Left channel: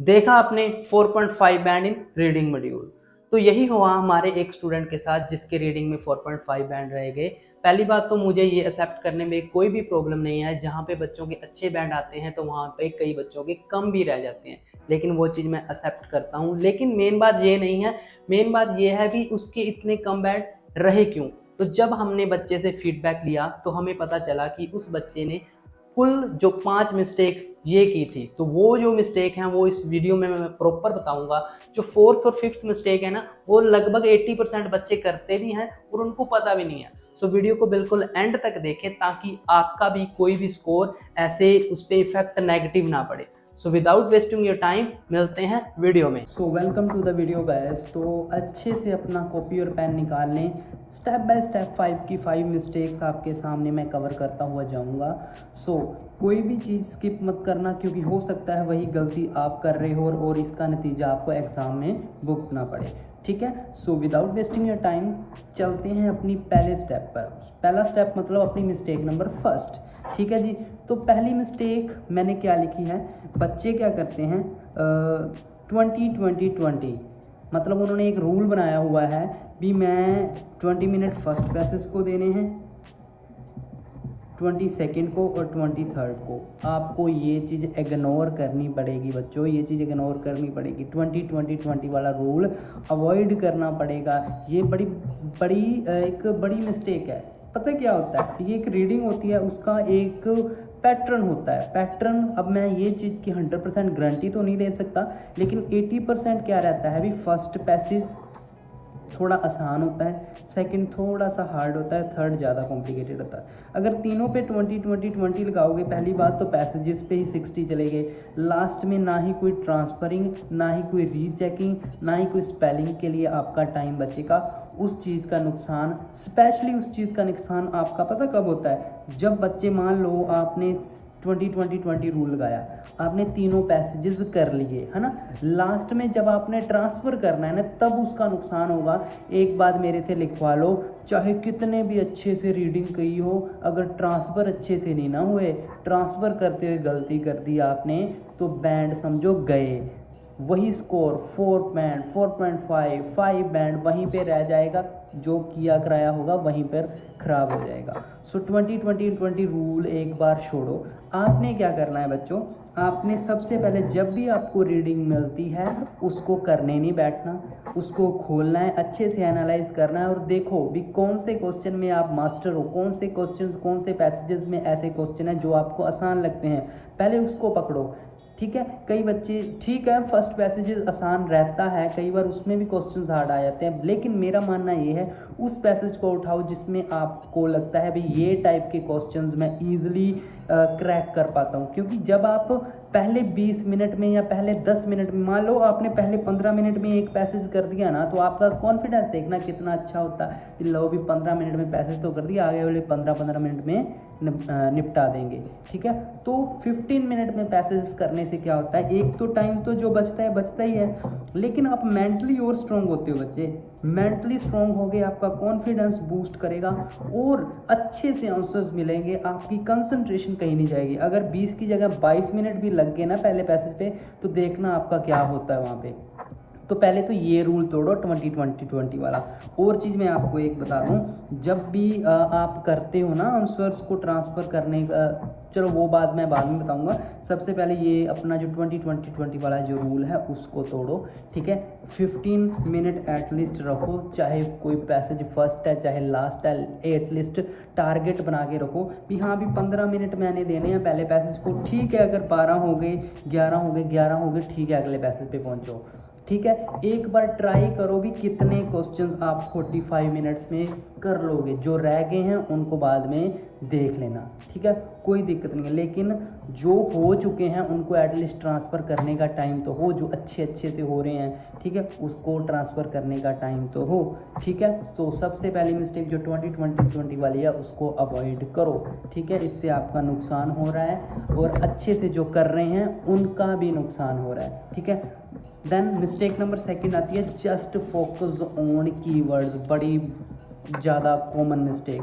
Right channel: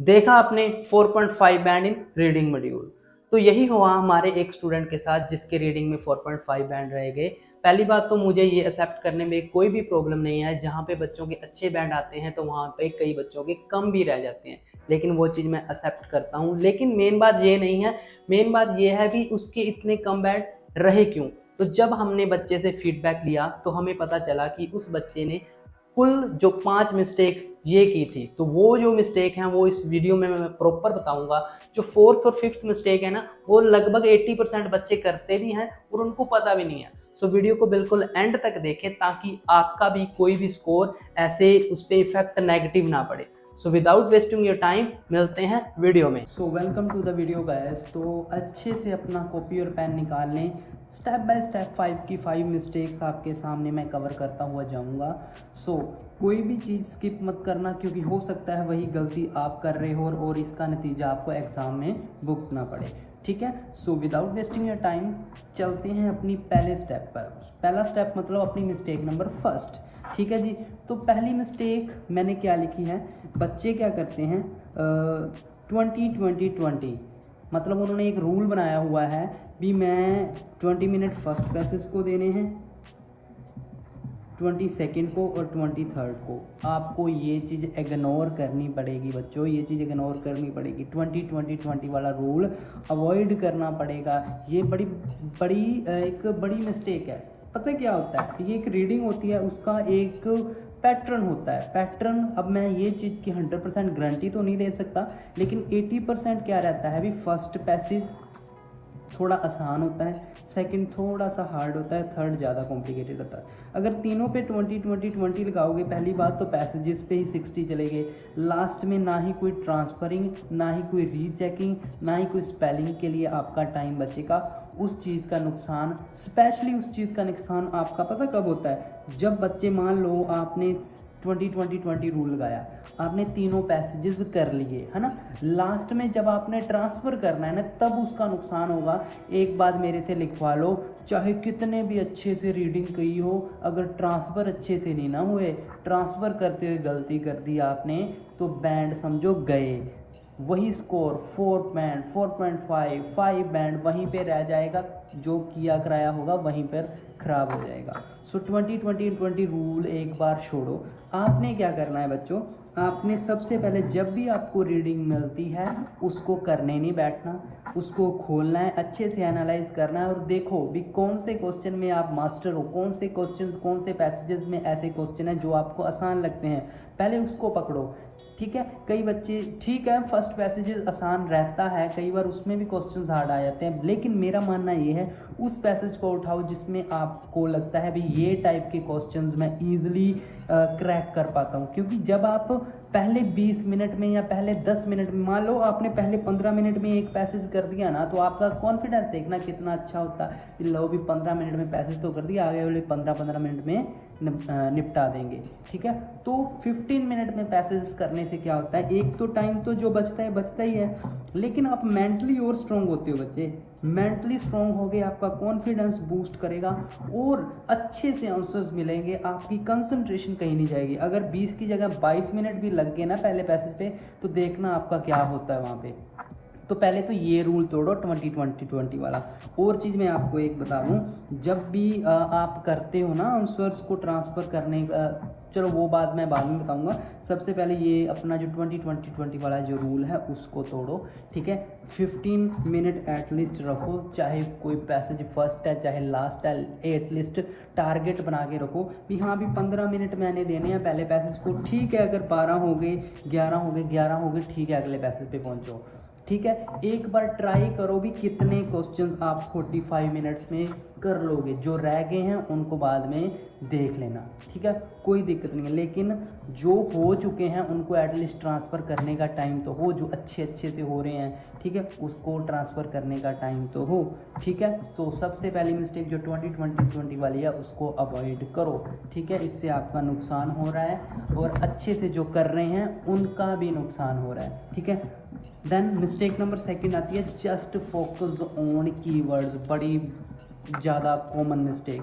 देखा आपने 4.5 बैंड इन reading module. तो यही हुआ हमारे एक स्टूडेंट के साथ जिसके रीडिंग में 4.5 बैंड रह गए। पहली बात तो मुझे ये एक्सेप्ट करने में कोई भी प्रॉब्लम नहीं है, जहाँ पे बच्चों के अच्छे बैंड आते हैं तो वहाँ पे कई बच्चों के कम भी रह जाते हैं, लेकिन वो चीज़ मैं एक्सेप्ट करता हूँ। लेकिन मेन बात ये नहीं है, मेन बात ये है भी उसके इतने कम बैंड रहे क्यों। तो जब हमने बच्चे से फीडबैक लिया तो हमें पता चला कि उस बच्चे ने कुल जो 5 मिस्टेक ये की थी। तो वो जो मिस्टेक हैं वो इस वीडियो में मैं प्रॉपर बताऊंगा। जो फोर्थ और फिफ्थ मिस्टेक है ना, वो लगभग 80% बच्चे करते भी हैं और उनको पता भी नहीं है। सो वीडियो को बिल्कुल एंड तक देखें ताकि आपका भी कोई भी स्कोर ऐसे उस पर इफेक्ट नेगेटिव ना पड़े। So without wasting your time मिलते हैं वीडियो में। So welcome to the video guys. तो अच्छे से अपना कॉपी और पेन निकाल लें। स्टेप बाय स्टेप 5 मिस्टेक्स आपके सामने मैं कवर करता हुआ जाऊंगा। सो कोई भी चीज़ स्किप मत करना, क्योंकि हो सकता है वही गलती आप कर रहे हो और इसका नतीजा आपको एग्जाम में भुगतना पड़े। ठीक है, सो विदाउट वेस्टिंग योर टाइम चलते हैं अपनी पहले स्टेप पर। पहला स्टेप मतलब अपनी मिस्टेक नंबर फर्स्ट। ठीक है जी। तो पहली मिस्टेक मैंने क्या लिखी है, बच्चे क्या करते हैं 20-20-20, मतलब उन्होंने एक रूल बनाया हुआ है भी मैं 20 मिनट फर्स्ट पैसेज को देने हैं, 20 सेकेंड को और 23rd को। आपको ये चीज़ इग्नोर करनी पड़ेगी बच्चों, ये चीज़ इग्नोर करनी पड़ेगी। 20-20-20 वाला रूल अवॉइड करना पड़ेगा। ये बड़ी बड़ी एक बड़ी मिस्टेक है। पता क्या होता है, ये एक रीडिंग होती है, उसका एक पैटर्न होता है। पैटर्न, अब मैं ये चीज़ की 100% गारंटी तो नहीं दे सकता, लेकिन 80% क्या रहता है भी, फर्स्ट पैसेज थोड़ा आसान होता है, सेकंड थोड़ा सा हार्ड होता है, थर्ड ज़्यादा कॉम्प्लिकेटेड होता है। अगर तीनों पे 20-20-20 लगाओगे, पहली बात तो पैसेजेस पे ही 60 चले गए। लास्ट में ना ही कोई ट्रांसफरिंग, ना ही कोई रीचेकिंग, ना ही कोई स्पेलिंग के लिए आपका टाइम बचेगा। उस चीज़ का नुकसान, स्पेशली उस चीज़ का नुकसान आपका पता कब होता है, जब बच्चे, मान लो आपने 20-20-20 रूल लगाया, आपने तीनों पैसेजेस कर लिए है ना, लास्ट में जब आपने ट्रांसफ़र करना है ना, तब उसका नुकसान होगा। एक बात मेरे से लिखवा लो, चाहे कितने भी अच्छे से रीडिंग की हो, अगर ट्रांसफ़र अच्छे से नहीं ना हुए, ट्रांसफ़र करते हुए गलती कर दी आपने, तो बैंड समझो गए। वही स्कोर 4.5 बैंड वहीं पे रह जाएगा, जो किया कराया होगा वहीं पर खराब हो जाएगा। सो 20-20-20 रूल एक बार छोड़ो। आपने क्या करना है बच्चों, आपने सबसे पहले जब भी आपको रीडिंग मिलती है उसको करने नहीं बैठना, उसको खोलना है, अच्छे से एनालाइज करना है और देखो भी कौन से क्वेश्चन में आप मास्टर हो, कौन से क्वेश्चन, कौन से पैसेजेस में ऐसे क्वेश्चन हैं जो आपको आसान लगते हैं, पहले उसको पकड़ो। ठीक है, कई बच्चे, ठीक है फर्स्ट पैसेज आसान रहता है, कई बार उसमें भी क्वेश्चंस हार्ड आ जाते हैं, लेकिन मेरा मानना ये है उस पैसेज को उठाओ जिसमें आपको लगता है भी ये टाइप के क्वेश्चंस मैं ईजिली क्रैक कर पाता हूँ। क्योंकि जब आप पहले 20 मिनट में या पहले 10 मिनट में, मान लो आपने पहले 15 मिनट में एक पैसेज कर दिया ना, तो आपका कॉन्फिडेंस देखना कितना अच्छा होता है कि लो भी 15 मिनट में पैसेज तो कर दिया, आगे वाले 15-15 मिनट में निपटा देंगे। ठीक है, तो 15 मिनट में पैसेज करने से क्या होता है, एक तो टाइम तो जो बचता है बचता ही है, लेकिन आप मेंटली और स्ट्रॉन्ग होते हो बच्चे। मेंटली स्ट्रॉन्ग हो गए, आपका कॉन्फिडेंस बूस्ट करेगा और अच्छे से आंसर्स मिलेंगे, आपकी कंसंट्रेशन कहीं नहीं जाएगी। अगर 20 की जगह 22 मिनट भी लग गए ना पहले पैसेज पे, तो देखना आपका क्या होता है वहाँ पे। तो पहले तो ये रूल तोड़ो 20-20-20 वाला। और चीज़ मैं आपको एक बता दूँ, जब भी आप करते हो ना आंसर्स को ट्रांसफ़र करने का, चलो वो बात मैं बाद में बताऊंगा। सबसे पहले ये अपना जो 20-20-20 वाला जो रूल है उसको तोड़ो। ठीक है, 15 मिनट एटलीस्ट रखो, चाहे कोई पैसेज फर्स्ट है चाहे लास्ट है, एटलीस्ट टारगेट बना के रखो कि हाँ भी 15 मिनट मैंने देने हैं पहले पैसेज को। ठीक है, अगर 12 हो गए, 11 हो गए, 11 हो गए, ठीक है, अगले पैसेज पे पहुँचो। ठीक है, एक बार ट्राई करो भी कितने क्वेश्चंस आप 45 मिनट्स में कर लोगे, जो रह गए हैं उनको बाद में देख लेना। ठीक है, कोई दिक्कत नहीं है, लेकिन जो हो चुके हैं उनको एटलीस्ट ट्रांसफ़र करने का टाइम तो हो, जो अच्छे से हो रहे हैं, ठीक है, उसको ट्रांसफ़र करने का टाइम तो हो। ठीक है, तो सबसे पहली मिस्टेक जो 20-20-20 वाली है उसको अवॉइड करो। ठीक है, इससे आपका नुकसान हो रहा है और अच्छे से जो कर रहे हैं उनका भी नुकसान हो रहा है। ठीक है, देन मिस्टेक नंबर सेकंड आती है जस्ट फोकस ऑन कीवर्ड्स। बड़ी ज़्यादा कॉमन मिस्टेक।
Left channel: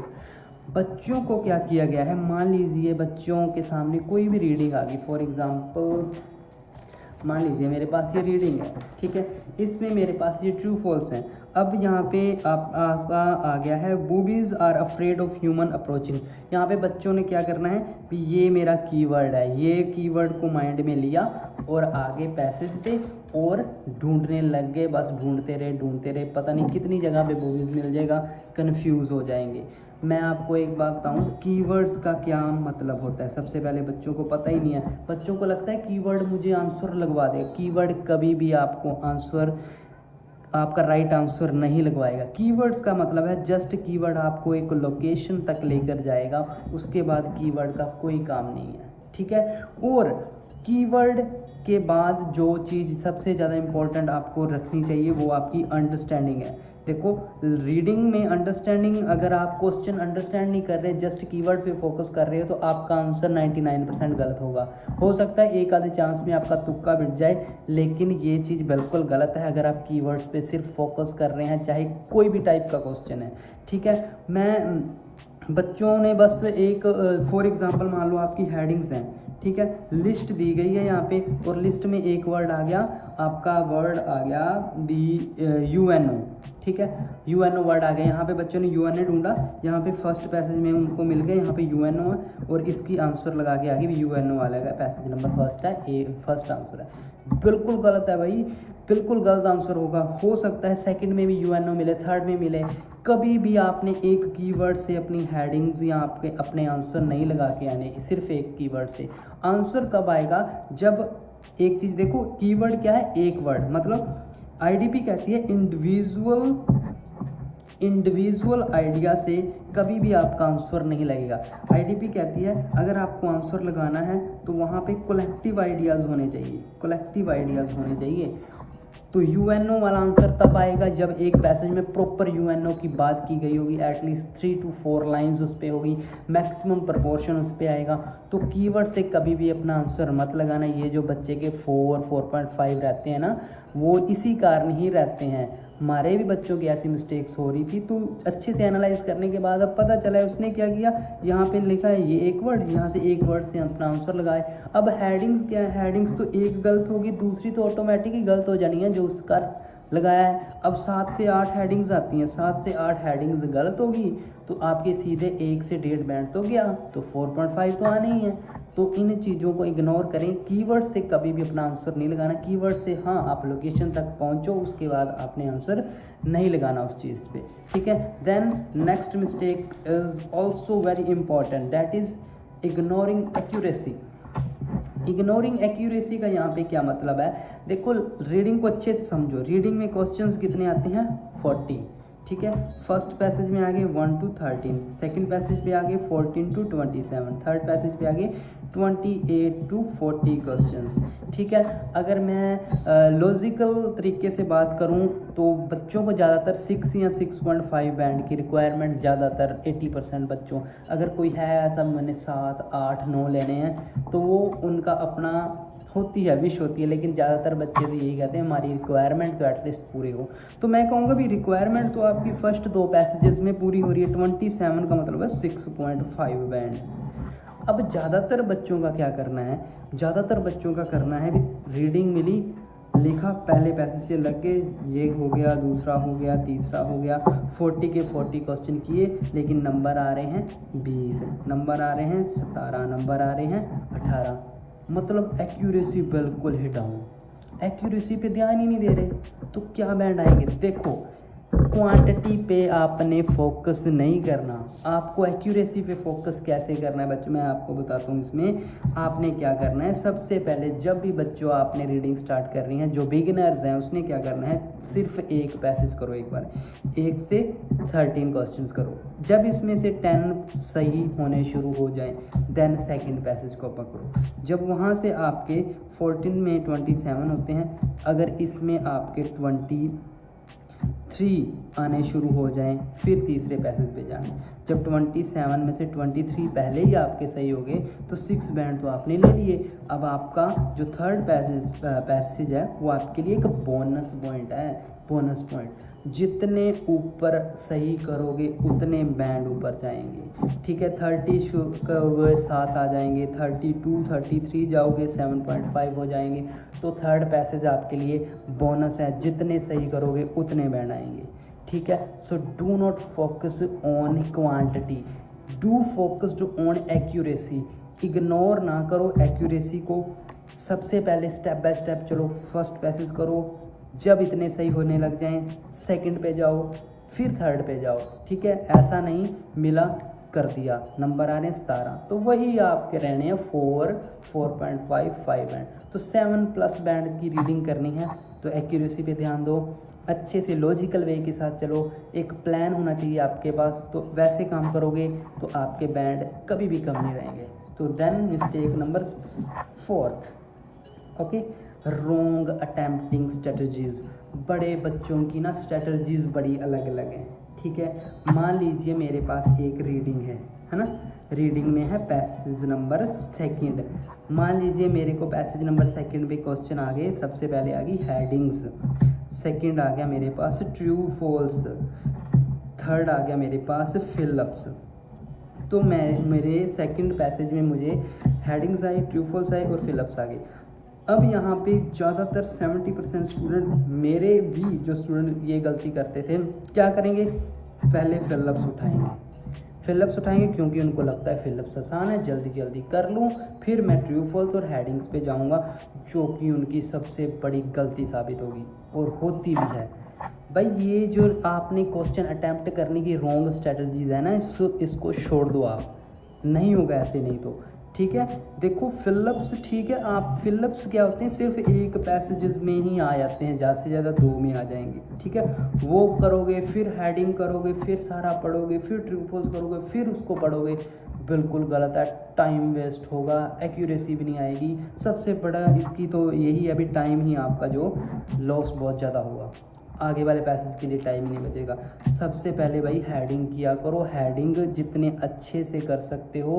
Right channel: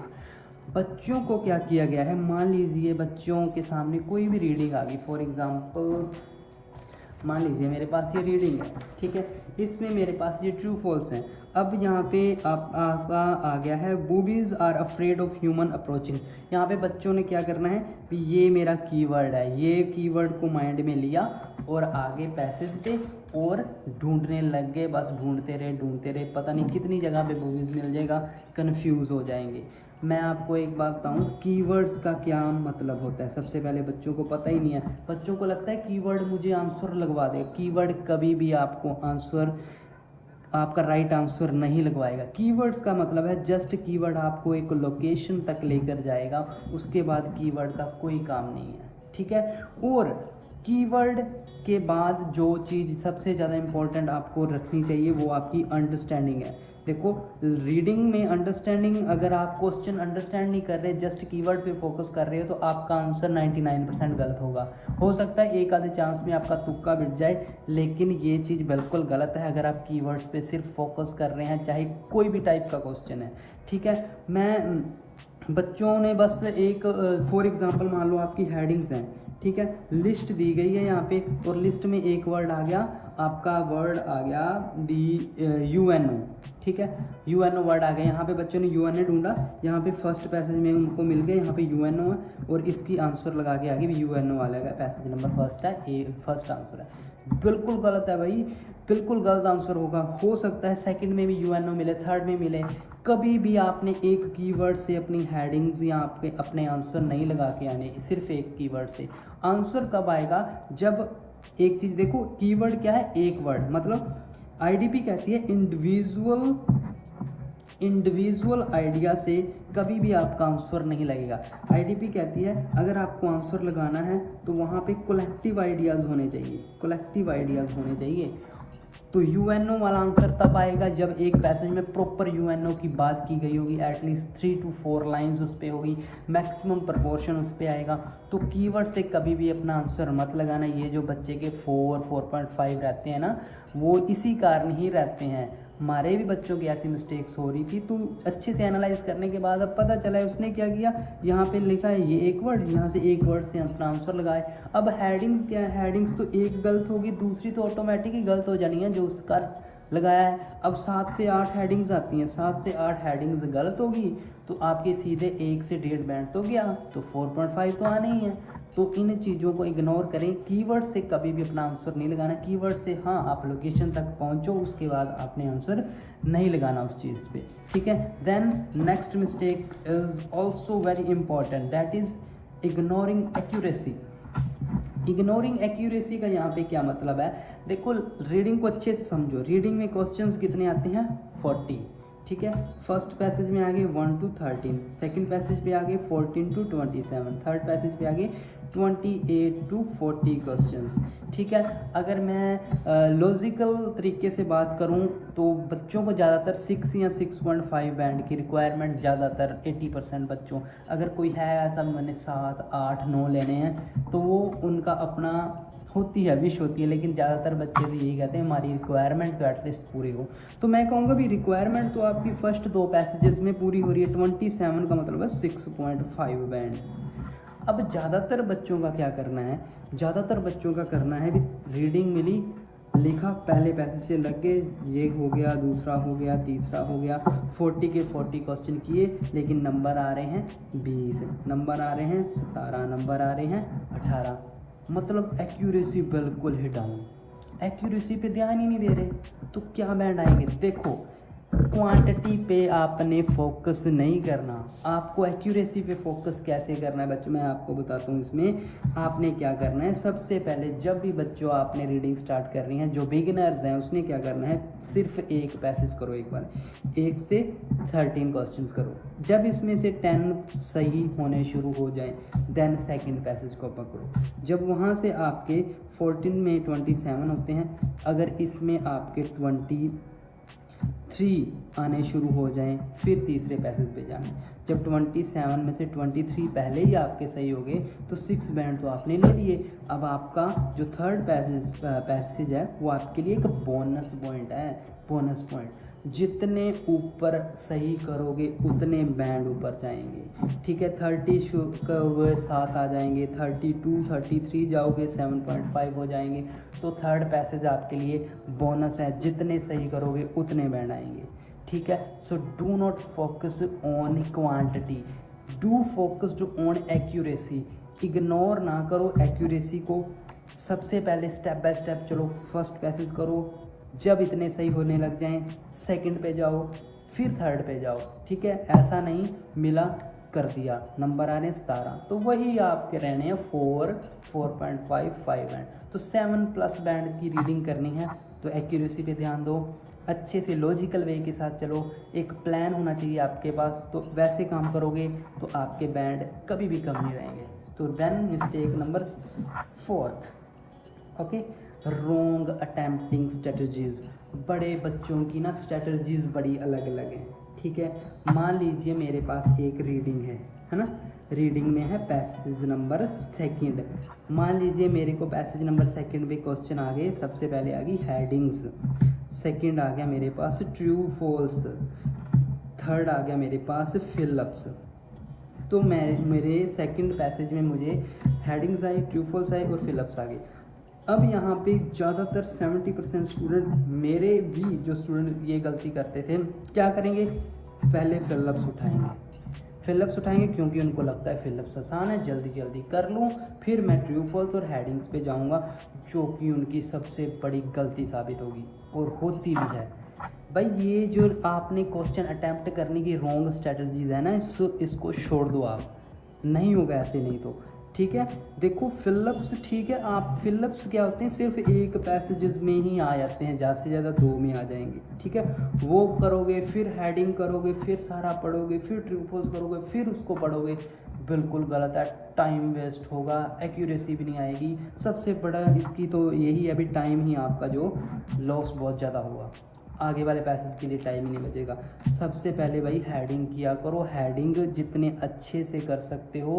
बच्चों को क्या किया गया है, मान लीजिए बच्चों के सामने कोई भी रीडिंग आ गई, फॉर एग्जांपल मान लीजिए मेरे पास ये रीडिंग है, ठीक है, इसमें मेरे पास ये ट्रू फॉल्स है। अब यहाँ पे आपका आ गया है boobies are afraid of human approaching. यहाँ पे बच्चों ने क्या करना है कि ये मेरा कीवर्ड है, ये कीवर्ड को माइंड में लिया और आगे पैसेज पे और ढूंढने लग गए, बस ढूंढते रहे, पता नहीं कितनी जगह पे बूबीज मिल जाएगा, कन्फ्यूज हो जाएंगे। मैं आपको एक बात बताऊं, कीवर्ड्स का क्या मतलब होता है। सबसे पहले बच्चों को पता ही नहीं है, बच्चों को लगता है कीवर्ड मुझे आंसर लगवा दे। कीवर्ड कभी भी आपको आंसर, आपका राइट आंसर नहीं लगवाएगा। कीवर्ड्स का मतलब है जस्ट कीवर्ड आपको एक लोकेशन तक लेकर जाएगा, उसके बाद कीवर्ड का कोई काम नहीं है, ठीक है। और कीवर्ड के बाद जो चीज़ सबसे ज़्यादा इम्पोर्टेंट आपको रखनी चाहिए वो आपकी अंडरस्टैंडिंग है। देखो रीडिंग में अंडरस्टैंडिंग, अगर आप क्वेश्चन अंडरस्टैंड नहीं कर रहे, जस्ट कीवर्ड पे फोकस कर रहे हैं, तो आपका आंसर 99% गलत होगा। हो सकता है एक आधे चांस में आपका तुक्का बिट जाए, लेकिन ये चीज़ बिल्कुल गलत है अगर आप कीवर्ड्स पे सिर्फ फोकस कर रहे हैं, चाहे कोई भी टाइप का क्वेश्चन है, ठीक है। मैं बच्चों ने बस एक फॉर एग्जाम्पल मान लो आपकी हेडिंग्स हैं, ठीक है, लिस्ट दी गई है यहाँ पे और लिस्ट में एक वर्ड आ गया, आपका वर्ड आ गया UNO, ठीक है, UNO वर्ड आ गया। यहाँ पे बच्चों ने UNO ढूंढा, यहाँ पे फर्स्ट पैसेज में उनको मिल गया, यहाँ पे UNO है और इसकी आंसर लगा के आगे UNO वाला है, पैसेज नंबर फर्स्ट है, ये फर्स्ट आंसर है। बिल्कुल गलत है भाई, बिल्कुल गलत आंसर होगा। हो सकता है सेकंड में भी UNO मिले, थर्ड में मिले। कभी भी आपने एक कीवर्ड से अपनी हेडिंग्स या आपके अपने आंसर नहीं लगा के आने, सिर्फ एक कीवर्ड से। आंसर कब आएगा, जब एक चीज देखो, कीवर्ड क्या है, एक वर्ड, मतलब IDP कहती है इंडिविजुअल आइडिया से कभी भी आपका आंसर नहीं लगेगा। IDP कहती है अगर आपको आंसर लगाना है तो वहाँ पे कलेक्टिव आइडियाज होने चाहिए, तो UNO वाला आंसर तब आएगा जब एक पैसेज में प्रॉपर UNO की बात की गई होगी, एटलीस्ट 3 to 4 लाइन्स उस पर होगी, मैक्सिमम प्रपोर्शन उस पर आएगा। तो कीवर्ड से कभी भी अपना आंसर मत लगाना। ये जो बच्चे के 4.5 रहते हैं ना, वो इसी कारण ही रहते हैं। हमारे भी बच्चों की ऐसी मिस्टेक्स हो रही थी, तो अच्छे से एनालाइज करने के बाद अब पता चला है उसने क्या किया, यहाँ पे लिखा है ये एक वर्ड, यहाँ से एक वर्ड से अपना आंसर लगाए। अब हेडिंग्स क्या है, हेडिंग्स तो एक गलत होगी, दूसरी तो ऑटोमेटिक ही गलत हो जानी है जो उसका लगाया है। अब 7 से 8 हेडिंग्स आती हैं, 7 से 8 हेडिंग्स गलत होगी तो आपके सीधे 1 से 1.5 बैंड तो गया, तो 4.5 तो आना ही है। तो इन चीज़ों को इग्नोर करें। कीवर्ड से कभी भी अपना आंसर नहीं लगाना। कीवर्ड से हाँ आप लोकेशन तक पहुंचो, उसके बाद आपने आंसर नहीं लगाना उस चीज़ पे, ठीक है। Then next mistake is also very important, that is ignoring accuracy. Ignoring accuracy का यहाँ पे क्या मतलब है, देखो रीडिंग को अच्छे से समझो। रीडिंग में क्वेश्चंस कितने आते हैं, 40, ठीक है। फर्स्ट पैसेज में आगे 1 to 13, सेकंड पैसेज पे आगे 14 to 27, थर्ड पैसेज पे आगे 28 to 40 क्वेश्चंस, ठीक है। अगर मैं लॉजिकल तरीके से बात करूं तो बच्चों को ज़्यादातर 6 या 6.5 बैंड की रिक्वायरमेंट, ज़्यादातर 80% बच्चों, अगर कोई है ऐसा मैंने 7, 8, 9 लेने हैं तो वो उनका अपना होती है, विश होती है, लेकिन ज़्यादातर बच्चे भी यही कहते हैं हमारी रिक्वायरमेंट तो एटलीस्ट पूरी हो। तो मैं कहूँगा भी रिक्वायरमेंट तो आपकी फर्स्ट 2 पैसेजेस में पूरी हो रही है, 27 का मतलब है 6.5 बैंड। अब ज़्यादातर बच्चों का क्या करना है, ज़्यादातर बच्चों का करना है भी रीडिंग मिली, लिखा, पहले पैसेज से लग गए, ये हो गया, दूसरा हो गया, तीसरा हो गया, 40 के 40 क्वेश्चन किए, लेकिन नंबर आ रहे हैं 20, नंबर आ रहे हैं 17, नंबर आ रहे हैं 18, मतलब एक्यूरेसी बिल्कुल ही डाउन। एक्यूरेसी पे ध्यान ही नहीं दे रहे तो क्या बैंड आएंगे। देखो क्वांटिटी पे आपने फोकस नहीं करना, आपको एक्यूरेसी पे फोकस कैसे करना है बच्चों, मैं आपको बताता हूँ। इसमें आपने क्या करना है, सबसे पहले जब भी बच्चों आपने रीडिंग स्टार्ट करनी है, जो बिगिनर्स हैं उसमें क्या करना है, सिर्फ एक पैसेज करो, एक बार 1 से 13 क्वेश्चंस करो। जब इसमें से 10 सही होने शुरू हो जाए देन सेकंड पैसेज को पकड़ो। जब वहाँ से आपके 14 में 27 होते हैं, अगर इसमें आपके 23 आने शुरू हो जाएं, फिर तीसरे पैसेज पे जाएं। जब 27 में से 23 पहले ही आपके सही हो गए तो 6 बैंड तो आपने ले लिए। अब आपका जो थर्ड पैसेज है वो आपके लिए एक बोनस पॉइंट है, बोनस पॉइंट। जितने ऊपर सही करोगे उतने बैंड ऊपर जाएंगे, ठीक है। 30 करोगे 7 आ जाएंगे, 32 33 जाओगे 7.5 हो जाएंगे। तो थर्ड पैसेज आपके लिए बोनस है, जितने सही करोगे उतने बैंड आएंगे, ठीक है। So do not focus on quantity, do focused on accuracy. Ignore ना करो एक्यूरेसी को, सबसे पहले स्टेप बाय स्टेप चलो। फर्स्ट पैसेज करो, जब इतने सही होने लग जाएं सेकंड पे जाओ, फिर थर्ड पे जाओ, ठीक है। ऐसा नहीं मिला कर दिया, नंबर आ रहे हैं 17, तो वही आपके रहने हैं 4, 4.5, 5 बैंड। तो 7+ बैंड की रीडिंग करनी है, तो एक्यूरेसी पे ध्यान दो, अच्छे से लॉजिकल वे के साथ चलो, एक प्लान होना चाहिए आपके पास। तो वैसे काम करोगे तो आपके बैंड कभी भी कम नहीं रहेंगे। तो देन मिस्टेक नंबर 4, ओके, रोंग अटेम्प्टिंग स्ट्रेटजीज। बड़े बच्चों की ना स्ट्रेटजीज बड़ी अलग अलग हैं, ठीक है। मान लीजिए मेरे पास एक रीडिंग है ना, रीडिंग में है पैसेज नंबर 2। मान लीजिए मेरे को पैसेज नंबर 2 पे क्वेश्चन आ गए। सबसे पहले आ गई हेडिंग्स, सेकंड आ गया मेरे पास ट्रू फॉल्स, थर्ड आ गया मेरे पास फिलअप्स। तो मैं मेरे सेकंड पैसेज में मुझे हेडिंग्स आई, ट्रू फॉल्स आई और फिलअप्स आ गए। अब यहाँ पे ज़्यादातर 70% स्टूडेंट, मेरे भी जो स्टूडेंट ये गलती करते थे, क्या करेंगे, पहले फिलअप्स उठाएंगे क्योंकि उनको लगता है फिलअप्स आसान है, जल्दी जल्दी कर लूँ, फिर मैं ट्रू फॉल्स और हेडिंग्स पे जाऊँगा, जो कि उनकी सबसे बड़ी गलती साबित होगी और होती भी है। भाई ये जो आपने क्वेश्चन अटैम्प्ट करने की रॉन्ग स्ट्रेटजीज है ना, इसको छोड़ दो, आप नहीं होगा ऐसे, नहीं तो ठीक है। देखो फिलअप्स, ठीक है, आप फिलअप्स क्या होते हैं, सिर्फ एक पैसेजेस में ही आ जाते हैं, ज़्यादा से ज़्यादा 2 में आ जाएंगे, ठीक है। वो करोगे, फिर हेडिंग करोगे, फिर सारा पढ़ोगे, फिर ट्रू फॉल्स करोगे, फिर उसको पढ़ोगे, बिल्कुल गलत है, टाइम वेस्ट होगा, एक्यूरेसी भी नहीं आएगी। सबसे बड़ा इसकी तो यही है, अभी टाइम ही आपका जो लॉस बहुत ज़्यादा हुआ, आगे वाले पैसेज के लिए टाइम नहीं बचेगा। सबसे पहले भाई हेडिंग किया करो, हेडिंग जितने अच्छे से कर सकते हो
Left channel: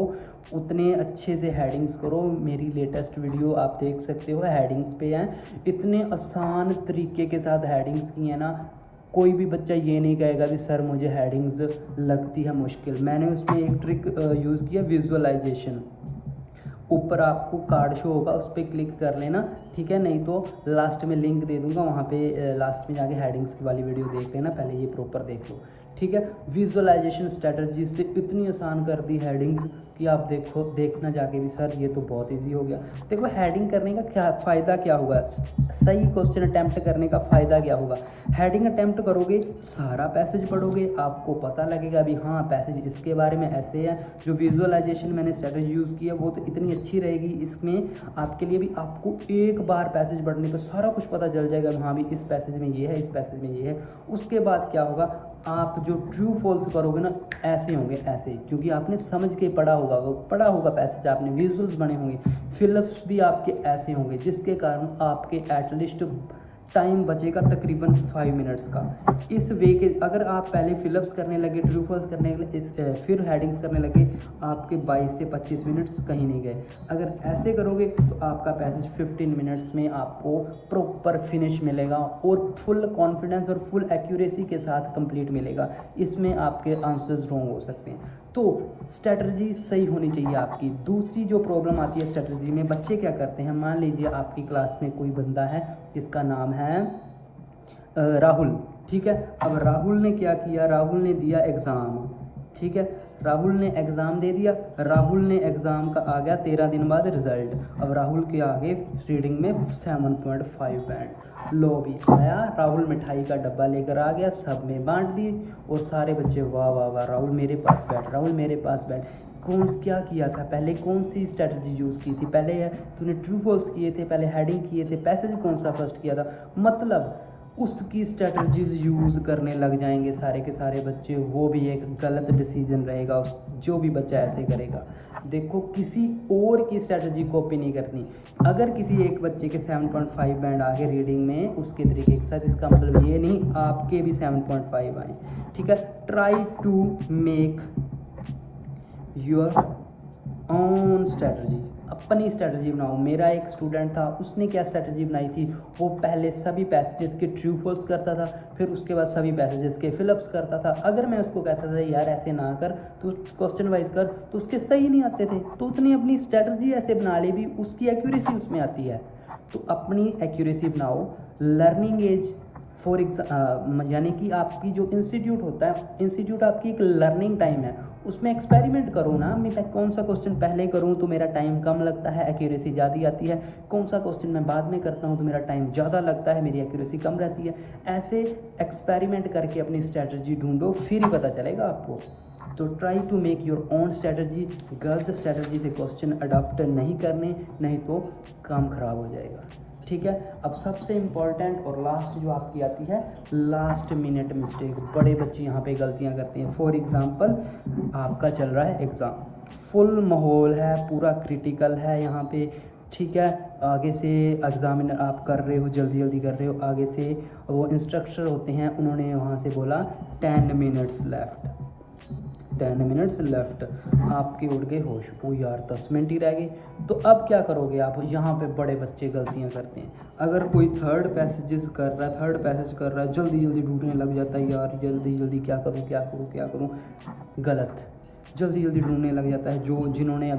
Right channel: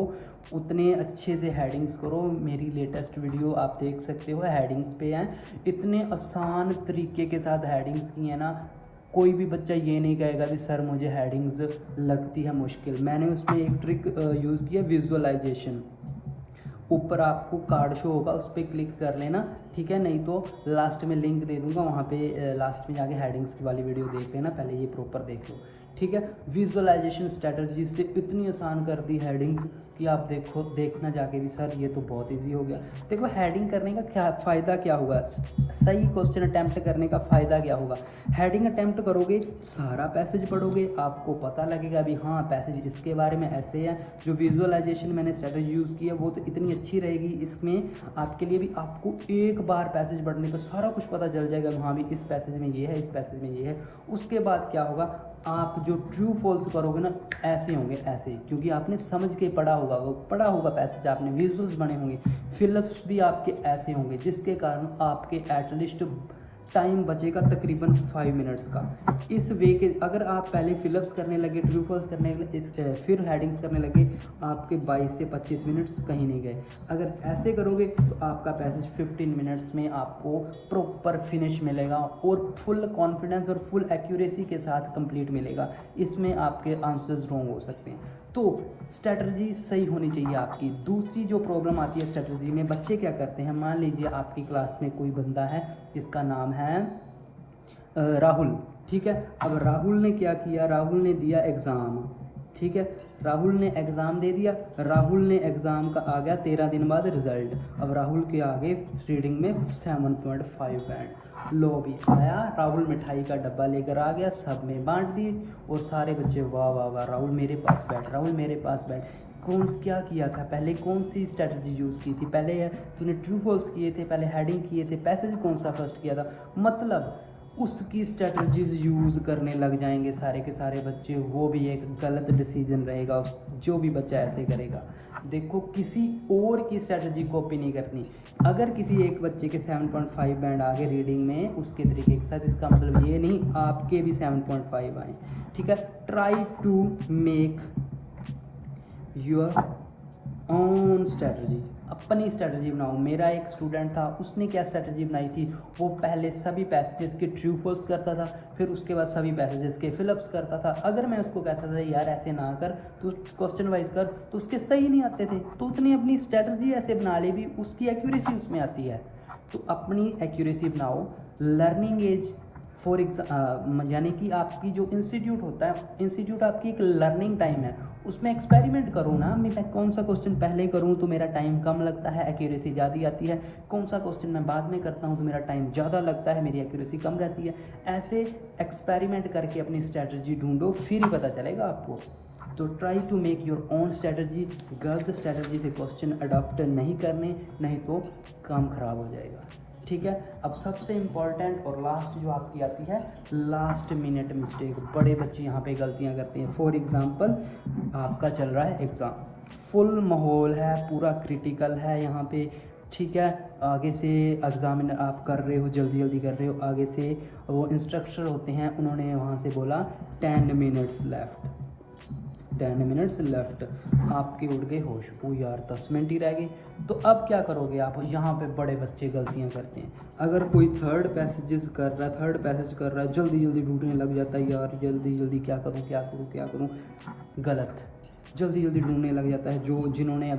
उतने अच्छे से हेडिंग्स करो। मेरी लेटेस्ट वीडियो आप देख सकते हो, हेडिंग्स पे है, इतने आसान तरीके के साथ हेडिंग्स की है ना, कोई भी बच्चा ये नहीं कहेगा कि सर मुझे हेडिंग्स लगती है मुश्किल। मैंने उसमें एक ट्रिक यूज़ किया, विजुअलाइजेशन। ऊपर आपको कार्ड शो होगा, उस पर क्लिक कर लेना, ठीक है, नहीं तो लास्ट में लिंक दे दूंगा, वहाँ पे लास्ट में जाके हेडिंग्स की वाली वीडियो देख लेना, पहले ये प्रॉपर देख लो, ठीक है। विजुअलाइजेशन स्ट्रेटजी से इतनी आसान कर दी हेडिंग्स कि आप देखना जाके भी सर ये तो बहुत इजी हो गया। देखो हेडिंग करने का क्या फ़ायदा, क्या होगा, सही क्वेश्चन अटैम्प्ट करने का फ़ायदा क्या होगा। हेडिंग अटैम्प्ट करोगे, सारा पैसेज पढ़ोगे, आपको पता लगेगा भी हाँ पैसेज इसके बारे में ऐसे है। जो विजुअलाइजेशन मैंने स्ट्रेटजी यूज़ किया वो तो इतनी अच्छी रहेगी, इसमें आपके लिए भी आपको एक बार पैसेज पढ़ने को सारा कुछ पता चल जाएगा, हाँ भी इस पैसेज में ये है, इस पैसेज में ये है। उसके बाद क्या होगा, आप जो ट्रू फॉल्स करोगे ना, ऐसे होंगे, ऐसे, क्योंकि आपने समझ के पढ़ा होगा पैसेज, आपने विजुअल्स बने होंगे, फिलअप्स भी आपके ऐसे होंगे, जिसके कारण आपके एटलीस्ट टाइम बचेगा तकरीबन 5 मिनट्स का। इस वे के अगर आप पहले फिलअप्स करने लगे, ट्रू फॉल्स करने लगे, फिर हेडिंग्स करने लगे, आपके 22 से 25 मिनट्स कहीं नहीं गए। अगर ऐसे करोगे तो आपका पैसेज 15 मिनट्स में आपको प्रॉपर फिनिश मिलेगा और फुल कॉन्फिडेंस और फुल एक्यूरेसी के साथ कंप्लीट मिलेगा। इसमें आपके आंसर्स रॉन्ग हो सकते हैं, तो स्ट्रेटजी सही होनी चाहिए आपकी। दूसरी जो प्रॉब्लम आती है स्ट्रेटजी में, बच्चे क्या करते हैं, मान लीजिए आपकी क्लास में कोई बंदा है जिसका नाम है राहुल, ठीक है। अब राहुल ने क्या किया, राहुल ने दिया एग्ज़ाम, ठीक है, राहुल ने एग्ज़ाम दे दिया, राहुल ने एग्ज़ाम का आ गया 13 दिन बाद रिजल्ट। अब राहुल के आगे रीडिंग में 7.5 बैंड, लो भी आया, राहुल मिठाई का डब्बा लेकर आ गया, सब में बांट दी और सारे बच्चे वाह वाह वाह, राहुल मेरे पास बैठ, राहुल मेरे पास बैठ। कौन क्या किया था पहले, कौन सी स्ट्रेटजी यूज़ की थी पहले, तूने ट्रू फॉल्स किए थे, पहले हेडिंग किए थे, पैसेज कौन सा फर्स्ट किया था, मतलब उसकी स्ट्रेटजीज यूज़ करने लग जाएंगे सारे के सारे बच्चे। वो भी एक गलत डिसीजन रहेगा जो भी बच्चा ऐसे करेगा। देखो किसी और की स्ट्रेटजी कॉपी नहीं करनी। अगर किसी एक बच्चे के 7.5 बैंड आ गए रीडिंग में उसके तरीके के साथ, इसका मतलब ये नहीं आपके भी 7.5 आए, ठीक है। Try to make your own strategy, अपनी स्ट्रेटजी बनाओ। मेरा एक स्टूडेंट था, उसने क्या स्ट्रेटजी बनाई थी, वो पहले सभी पैसेजेस के ट्रू फॉल्स करता था, फिर उसके बाद सभी पैसेजेस के फिलअप्स करता था। अगर मैं उसको कहता था यार ऐसे ना कर, तो क्वेश्चन वाइज कर, तो उसके सही नहीं आते थे। तो उसने अपनी स्ट्रेटजी ऐसे बना ली भी, उसकी एक्यूरेसी उसमें आती है। तो अपनी एक्यूरेसी बनाओ। लर्निंग एज फॉर यानी कि आपकी जो इंस्टीट्यूट होता है, इंस्टीट्यूट आपकी एक लर्निंग टाइम है, उसमें एक्सपेरिमेंट करो ना। मैं कौन सा क्वेश्चन पहले करूँ तो मेरा टाइम कम लगता है, एक्यूरेसी ज़्यादा आती है, कौन सा क्वेश्चन मैं बाद में करता हूँ तो मेरा टाइम ज़्यादा लगता है, मेरी एक्यूरेसी कम रहती है। ऐसे एक्सपेरिमेंट करके अपनी स्ट्रैटेजी ढूंढो, फिर ही पता चलेगा आपको। तो try to make your own strategy. गलत स्ट्रैटेजी से क्वेश्चन अडॉप्ट नहीं करने, नहीं तो काम खराब हो जाएगा। ठीक है। अब सबसे इम्पॉर्टेंट और लास्ट जो आपकी आती है, लास्ट मिनट मिस्टेक। बड़े बच्चे यहाँ पे गलतियाँ करते हैं। फॉर एग्जांपल, आपका चल रहा है एग्ज़ाम, फुल माहौल है, पूरा क्रिटिकल है यहाँ पे, ठीक है। आगे से एग्जाम आप कर रहे हो, जल्दी जल्दी कर रहे हो, आगे से वो इंस्ट्रक्टर होते हैं, उन्होंने वहाँ से बोला 10 मिनट्स लेफ्ट, 10 मिनट्स लेफ्ट, आपके उड़ गए होश, ओ यार 10 मिनट ही रह गए। तो अब क्या करोगे आप? यहाँ पे बड़े बच्चे गलतियाँ करते हैं। अगर कोई थर्ड पैसेज कर रहा है, जल्दी जल्दी ढूंढने लग जाता है, यार जल्दी जल्दी क्या करूँ। गलत। जल्दी जल्दी ढूंढने लग जाता है। जिन्होंने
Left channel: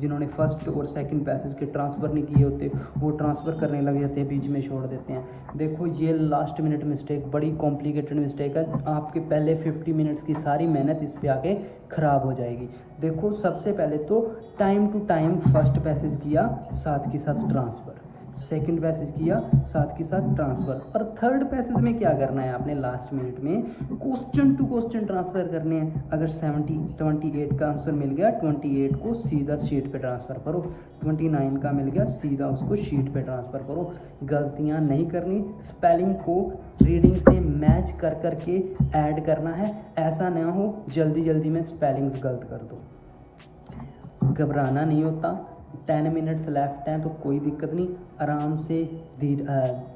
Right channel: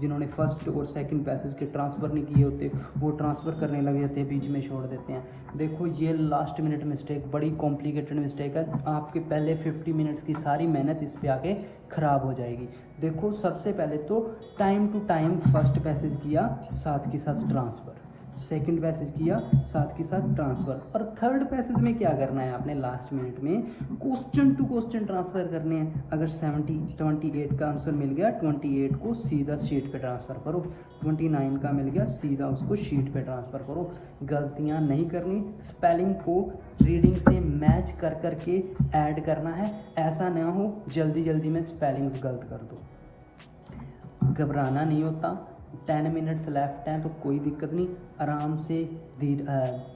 जिन्होंने फर्स्ट और सेकंड पैसेज के ट्रांसफ़र नहीं किए होते, वो ट्रांसफ़र करने लग जाते हैं, बीच में छोड़ देते हैं। देखो ये लास्ट मिनट मिस्टेक बड़ी कॉम्प्लिकेटेड मिस्टेक है। आपके पहले 50 मिनट्स की सारी मेहनत इस पे आके ख़राब हो जाएगी। देखो सबसे पहले तो time to time first passage किया, साथ के साथ ट्रांसफ़र, सेकंड पैसेज किया, साथ के साथ ट्रांसफ़र, और थर्ड पैसेज में क्या करना है आपने? लास्ट मिनट में क्वेश्चन टू क्वेश्चन ट्रांसफ़र करने हैं। अगर 28 का आंसर मिल गया, 28 को सीधा शीट पे ट्रांसफ़र करो, 29 का मिल गया, सीधा उसको शीट पे ट्रांसफ़र करो। गलतियाँ नहीं करनी। स्पेलिंग को रीडिंग से मैच कर करके ऐड करना है। ऐसा ना हो जल्दी जल्दी में स्पेलिंग्स गलत कर दो। घबराना नहीं होता। 10 मिनट्स लेफ्ट हैं तो कोई दिक्कत नहीं, आराम से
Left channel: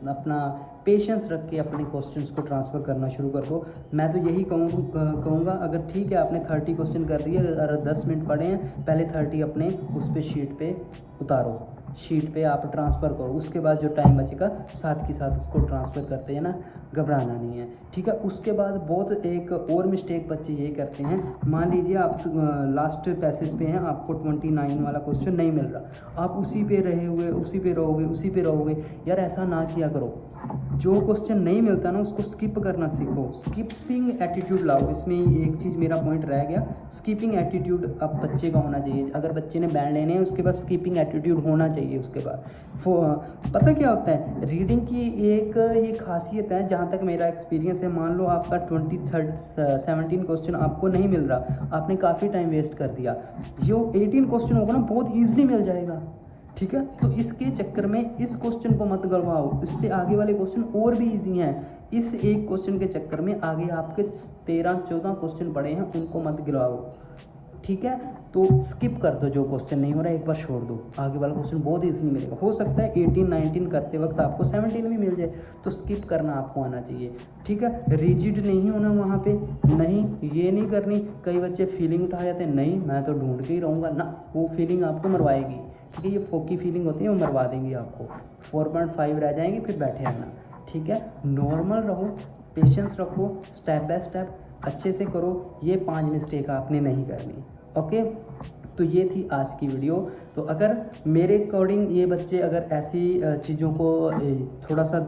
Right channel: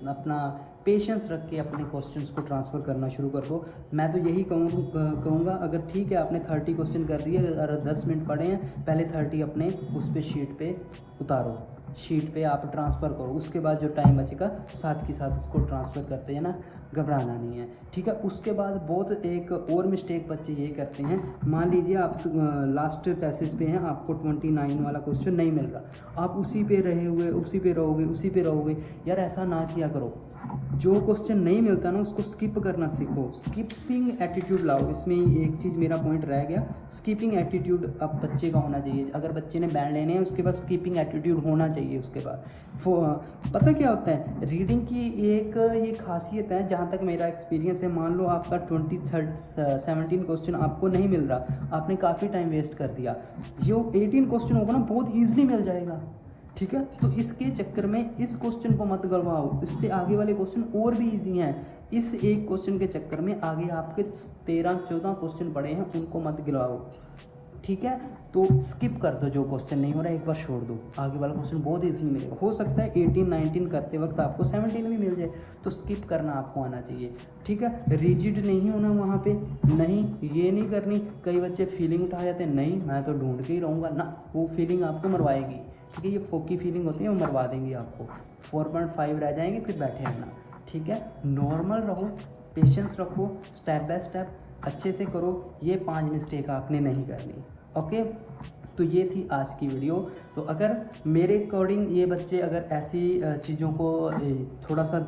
अपना पेशेंस रख के अपने क्वेश्चंस को ट्रांसफ़र करना शुरू कर दो। मैं तो यही कहूँगा, अगर ठीक है आपने 30 क्वेश्चन कर दिए, अगर 10 मिनट पढ़े हैं, पहले 30 अपने उस पर शीट पे उतारो, शीट पे आप ट्रांसफ़र करो, उसके बाद जो टाइम बचेगा साथ के साथ उसको ट्रांसफ़र करते हैं ना, घबराना नहीं है, ठीक है। उसके बाद बहुत एक और मिस्टेक बच्चे ये करते हैं, मान लीजिए आप लास्ट पैसेज पे हैं, आपको 29 वाला क्वेश्चन नहीं मिल रहा, आप उसी पे रहोगे। यार ऐसा ना किया करो। जो क्वेश्चन नहीं मिलता ना उसको स्किप करना सीखो, स्किपिंग एटीट्यूड लाओ। इसमें एक चीज़ मेरा पॉइंट रह गया, स्किपिंग एटीट्यूड अब बच्चे का होना चाहिए। अगर बच्चे ने बैंड लेने हैं उसके बाद स्किपिंग एटीट्यूड होना चाहिए। उसके बाद पता क्या होता है, रीडिंग की एक ये खासियत है, जहाँ तक मेरा एक्सपीरियंस है, मान लो आपका 17 क्वेश्चन आपको नहीं मिल रहा, आपने काफ़ी टाइम वेस्ट कर दिया, जो 18 क्वेश्चन होगा ना बहुत ईजिली मिल जाएगा, ठीक है। तो इसके चक्कर में इस क्वेश्चन को मत गलवाओ, इससे आगे वाले क्वेश्चन और भी इजी हैं। इस एक क्वेश्चन के चक्कर में आगे आपके 13-14 क्वेश्चन पड़े हैं, उनको मत गिराओ, ठीक है। तो स्किप कर दो, जो क्वेश्चन नहीं हो रहा एक बार छोड़ दो, आगे वाला क्वेश्चन बहुत इजीली मिलेगा। हो सकता है 18-19 करते वक्त आपको 17 भी मिल जाए, तो स्किप करना आपको आना चाहिए, ठीक है। रिजिड नहीं होना वहाँ पे, नहीं ये नहीं करनी। कई बच्चे फीलिंग उठा जाते हैं, नहीं मैं तो ढूंढते ही रहूँगा ना, वो फीलिंग आपको मरवाएगी, ठीक है। ये फोकी फीलिंग होती है, वो मरवा देंगी आपको, 4.5 रह जाएंगे, फिर बैठे रहेंगे, ठीक है। नॉर्मल रहो, पेशेंस रखो, स्टेप बाय स्टेप अच्छे से करो। ये 5 मिस्टेक आपने नहीं करनी, ओके। तो ये थी आज की वीडियो। तो अगर मेरे अकॉर्डिंग ये बच्चे अगर ऐसी चीज़ों को थोड़ा सा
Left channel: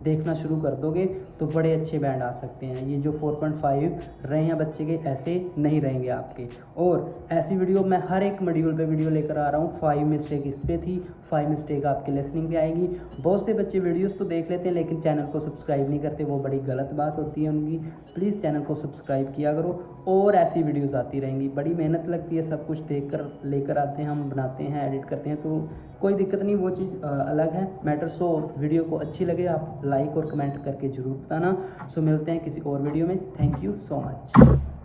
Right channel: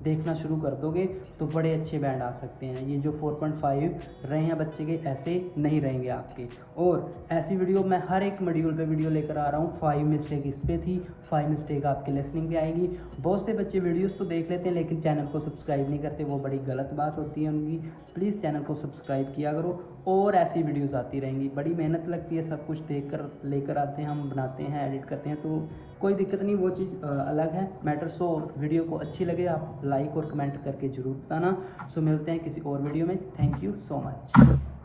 देखना शुरू कर दोगे तो बड़े अच्छे बैंड आ सकते हैं। ये जो 4.5 रहे हैं बच्चे के, ऐसे नहीं रहेंगे आपके। और ऐसी वीडियो मैं हर एक मॉड्यूल पे वीडियो लेकर आ रहा हूँ। 5 मिस्टेक इस पे थी, 5 मिस्टेक आपकी लिसनिंग पे आएगी। बहुत से बच्चे वीडियोस तो देख लेते हैं लेकिन चैनल को सब्सक्राइब नहीं करते, वो बड़ी गलत बात होती है उनकी। प्लीज़ चैनल को सब्सक्राइब किया करो, और ऐसी वीडियोज़ आती रहेंगी। बड़ी मेहनत लगती है, सब कुछ लेकर आते हैं, हम बनाते हैं, एडिट करते हैं, तो कोई दिक्कत नहीं, वो चीज़ अलग है मैटर। सो वीडियो को अच्छी लगे आप लाइक और कमेंट करके जरूर बताना। सो मिलते हैं किसी और वीडियो में। Thank you so much.